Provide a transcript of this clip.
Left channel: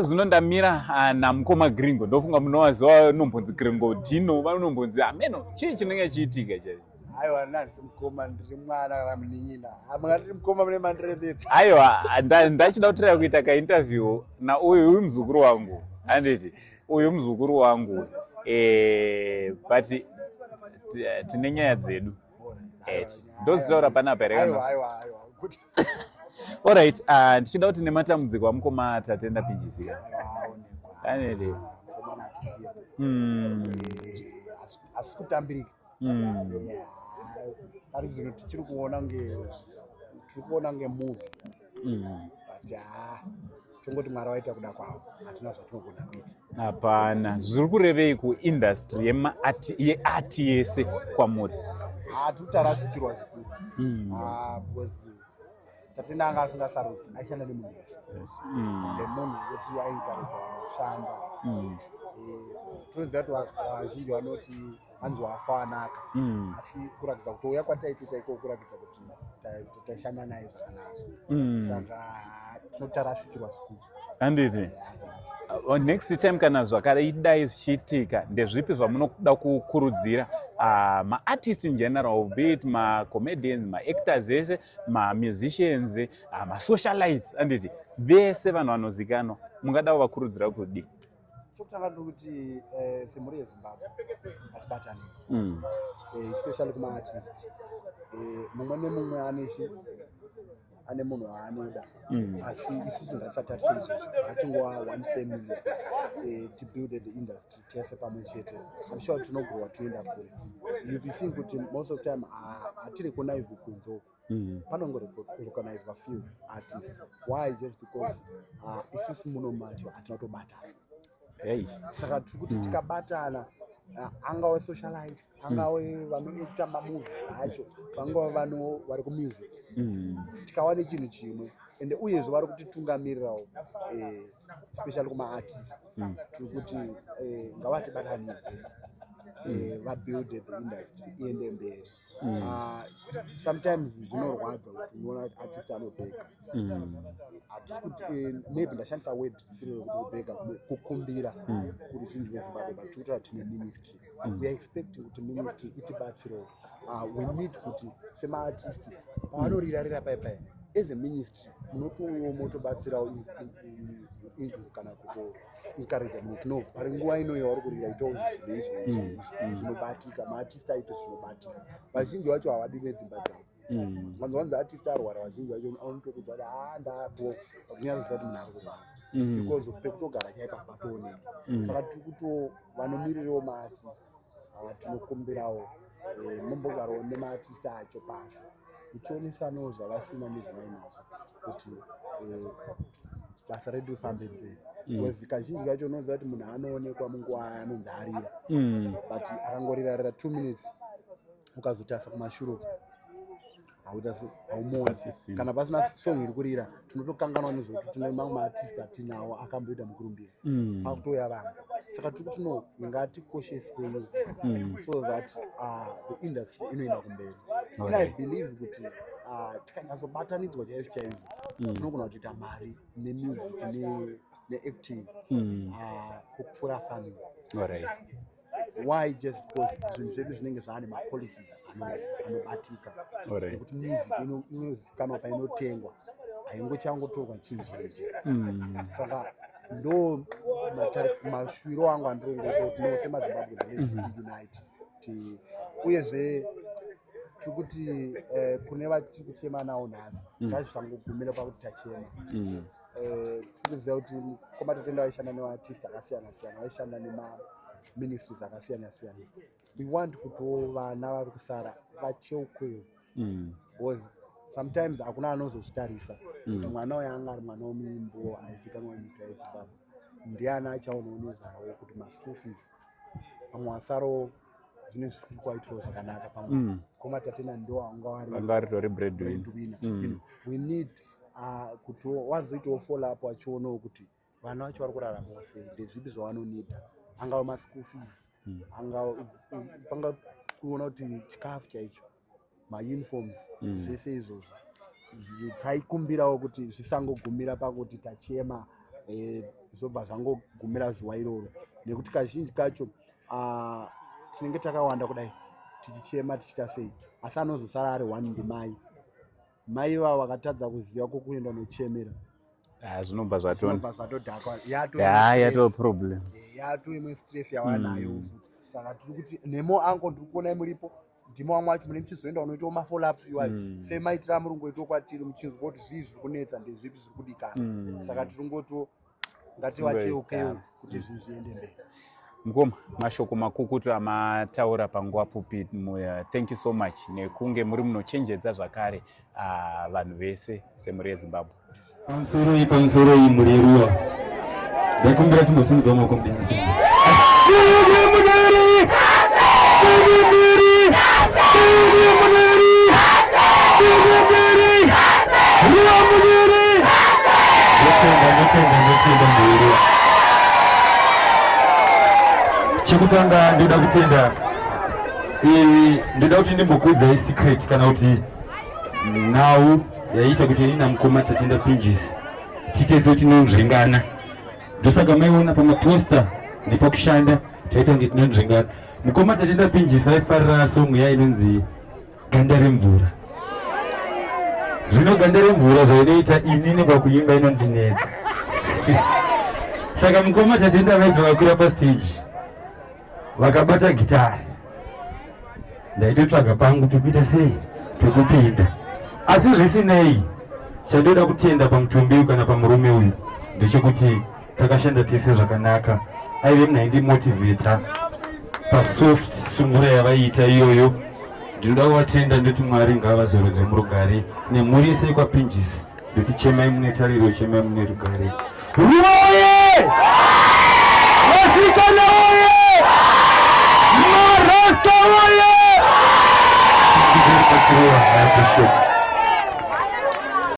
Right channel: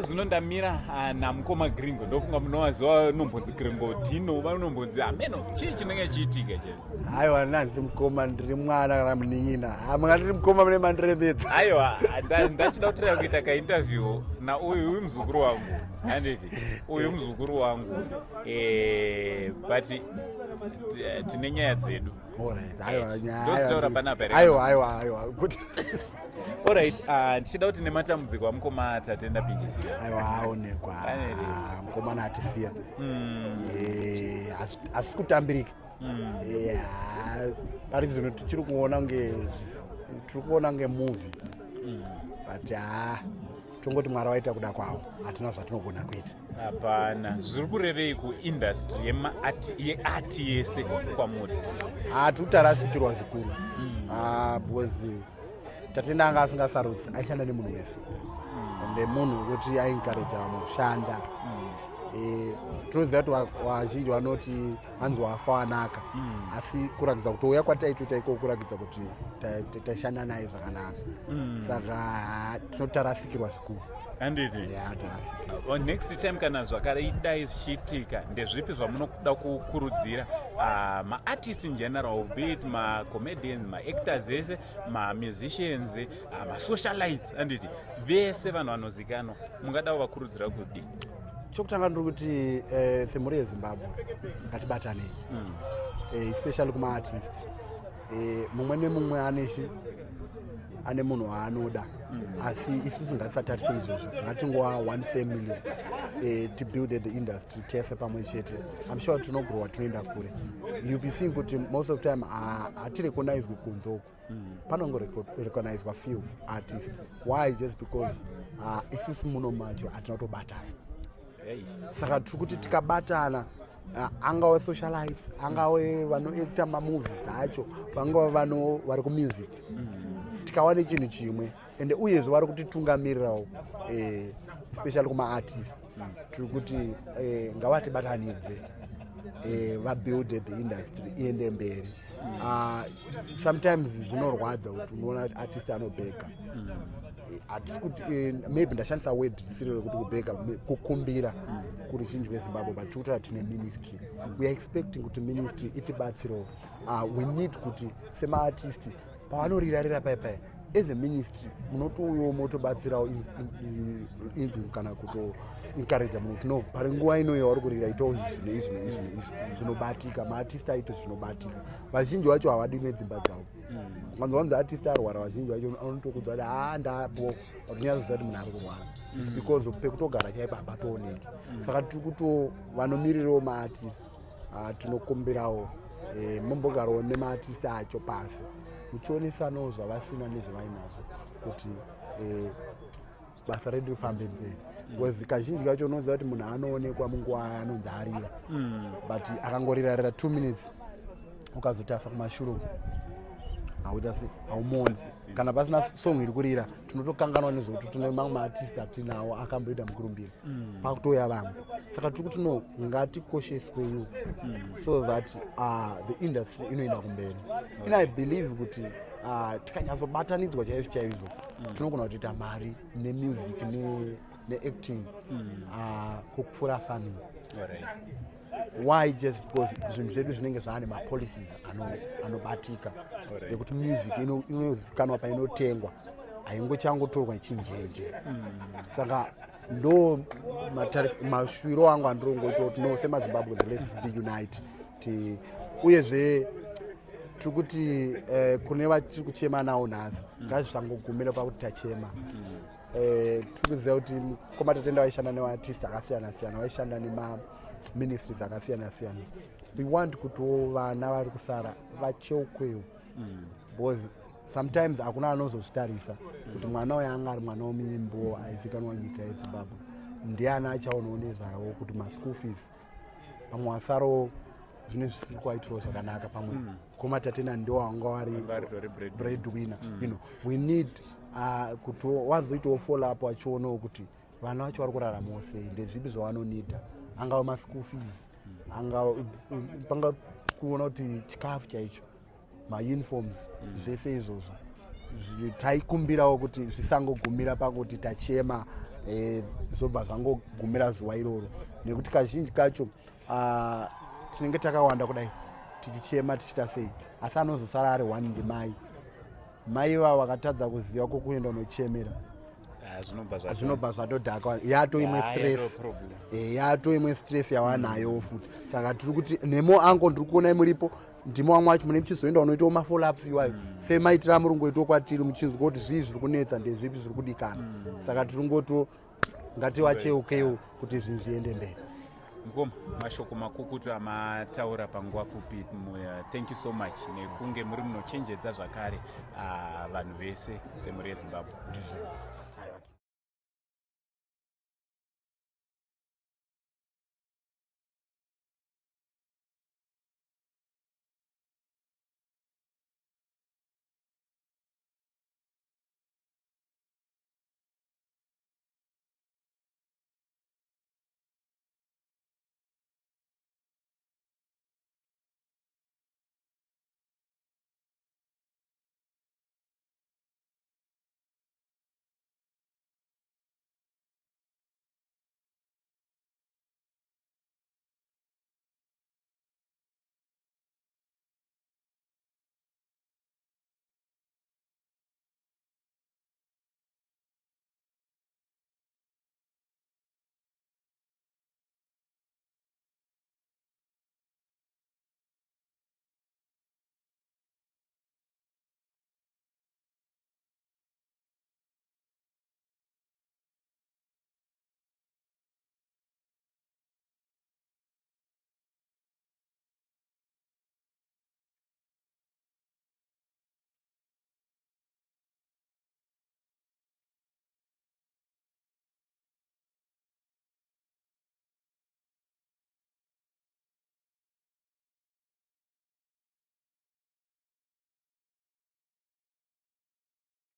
zinondamira namukoma Gringo ndofunga munowaziva nombonzi Gringo Dino vanombonzi ameno chii chinenge chiitika chete. Aiwa nanzi mukoma ndiri mwana kana munin'ina mungati mukoma mune mandirembedza. Aiwa ndachida kutirira kuita kainterview uyu muzukuru wangu handiti uyu muzukuru wangu but tine nyaya dzedu ndozitaura panapa here. Aiwa kuti alright ndichida kuti nematambudziko amukoma tatenda pingisira. Aiwa aonekwa mukoma natisiya asi kutambirika pari zvino tichiri kuona ngemovie but tongoti Mwari waita kuda kwavo hatina zvatinogona kuita. Hapana, zviri kurevei kuindustry yeati yese kwamuri? Hatutarasikirwa zvikuru because tatenda anga asingasarudzi aishanda nemunhu wese ende munhu wekuti ainkareja mushanda. Tinoziva kuti vazhinji vanoti hanzi wafa wanaka asi kurakidza kuti uya kwataitoita iko kurakidza kuti taishanda naye zvakanaka saka tinotarasikirwa zvikuru. Handiti next time kana zvakadai zvichiitika ndezvipi zvamunoda kukurudzira maartist in general, be it macomedians, maactors ese, mamusicians, masocialites, handiti vese vanhu vanozikanwa mungada kuvakurudzira kudi? Chokutanga ndiri kuti semhuri yeZimbabwe ngatibatanei especially kumaartist. Mumwe nemumwe ane munhu waanoda asi isusu ngatisatarise izvozvo ngatingova one family to build the industry tese pamwe chete. I'm sure tinogorwa tinoenda kure. You'll be seeing kuti most of the time hatirecognizwe kunze uku panongorecognizwa few artists. Why? Just because isusu muno macho hatinotobatana. Saka tiri kuti tikabatana angave socialites, angave vanoita mamovies acho, vangava vano vari kumusic, tikawane chinhu chimwe ende uyezve vari kutitungamirirawo especially kumaartist tiri kuti ngavatibatanidze vabuild the industry iende mberi. Sometimes zvinorwadza kuti unoona artist anobheka maybe ndashandisa word risiri rekuti kubheka kukumbira kuri zhinji veZimbabwe but tikutaura tine ministry. We are expecting kuti ministry itibatsirewo. We need kuti semaartist pavanorirarira paipai as a ministry munotouyawo motobatsirawo ingu kana kuto encourage munhu no pari nguva inoyo vari kurira itawo izvi zvinobatika maartist aito zvinobatika. Vazhinji vacho havadi nedzimba dzavo vanzi artist arwara vazhinji vacho anotokudza kuti ndapo kunyaziza kuti munhu ari kurwara because pekutogara chaipa hapatooneki. Saka tiri kuti vanomirirawo maartist tinokumbirawo mumbogarawo nemaartist acho pasi muchionesanawo zvavasina nezvavainazvo kuti basa redu rifambe mberi. Because kazhinji kacho unoziva kuti munhu anoonekwa munguva anonzi arira but akangorirarira 2 minutes ukazotarisa kumashure haumoni kana pasina song iri kurira tinotokanganwa nezvokuti tine mamwe maartist atinawo akamboita mukurumbira pakutouya vamwe. Saka tiri kuti no ngatikosheswewo so that the industry inoenda kumberi. And I believe kuti tikanyatsobatanidzwa chaizvo chaizvo tinogona kutoita mari nemusic neacting kupfuura farming. Why? Just because zvinhu zvedu zvinenge zvaane mapolicies anobatika nekuti music inozikanwa painotengwa haingochangotorwa ichinjenje. Saka ndo mashwiro angu andirongoita kuti no semaZimbabwe let's be unite. Uyezve tiri kuti kune vatiri kuchema nawo nhasi ngazvisangogumira pakuti tachema. Tiri kuziva kuti koma tatenda vaishanda nevaartist akasiyana siyana vaishanda ministries akasiyana siyana. We want kuti vana vari kusara vacheukwewo because sometimes hakuna anozozvitarisa kuti mwana uyo anga ari mwana womuimbo aizikanwa nyika yeZimbabwe ndiani achaonawo nezvavo kuti maschool fees pamwe wasarawo zvine zvisiri kuaitirawo zvakanaka pamwe koma tatenda ndiwo vanga vari breadwinner. We need kuti wazoitawo follow up wachionawo kuti vana vacho vari kuraramawo sei ndezvipi zvavanonida angava maschool fees panga kuona kuti chikafu chaicho mauniforms zvese izvozvo taikumbirawo kuti zvisangogumira pakuti tachema zvobva zvangogumira zuva iroro, nekuti kazhinji kacho tinenge takawanda kudai tichichema tichita sei, asi anozosara ari 1 ndimai. Mai ivavo vakatadza kuziva kokuenda unochemera zvinobva zvatodhaka, yato imwe stress yawanayo futi. Saka tiri kuti nemo ango ndiri kuona muripo ndimo vamwe vacho mune muchizoenda unoitawo mafolaps iwayo semaitira murungoitawo kwatiri muchinzwa kuti zvii zviri kunetsa ndezvipi zviri kudikana. Saka tiri ngoto ngativacheukeiwo kuti zvinhu zviende mberi. Mukoma, mashoko makukutu amataura panguva pfupi. Thank you so much nekunge muri munochenjedza zvakare vanhu vese semhuri yeZimbabwe. Pamusoro iyi muri yeruwa ndakumbira timbosimudzawo maoko mudenga. Chekutanga ndoda kutenda ndoda kuti ndimbokuudzai secret kana kuti nhau yaita kuti ini namukoma Tatenda Pinjis titezo tinonzvengana. Ndosaka maiona pamaposta nepakushanda taita kuti tinonzvengana. Mukoma Tatenda Pinjis vaifarira songo yainonzi Ganda remvura. Zvino ganda remvura zvainoita inini pakuimba inondinetsa. Saka mukoma Tatenda vaibva vakwira pastage vakabata gitari, ndaitotsvaga pangu pekuita sei pekupinda. Asi zvisinei, chandoda kutenda pamutombi uyu kana pamurume uyu ndechekuti takashanda tese zvakanaka. Aive munhaindimotivheta pasoft sungura yavaiita iyoyo. Ndinoda kuvatenda ndoti Mwari ngavazorodze murugare nemhuri yese kwaPinjis. Ndoti chemai mune tariro, chemai mune rugare. Uye! Vasikana uye! Marasta uye! I appreciate it.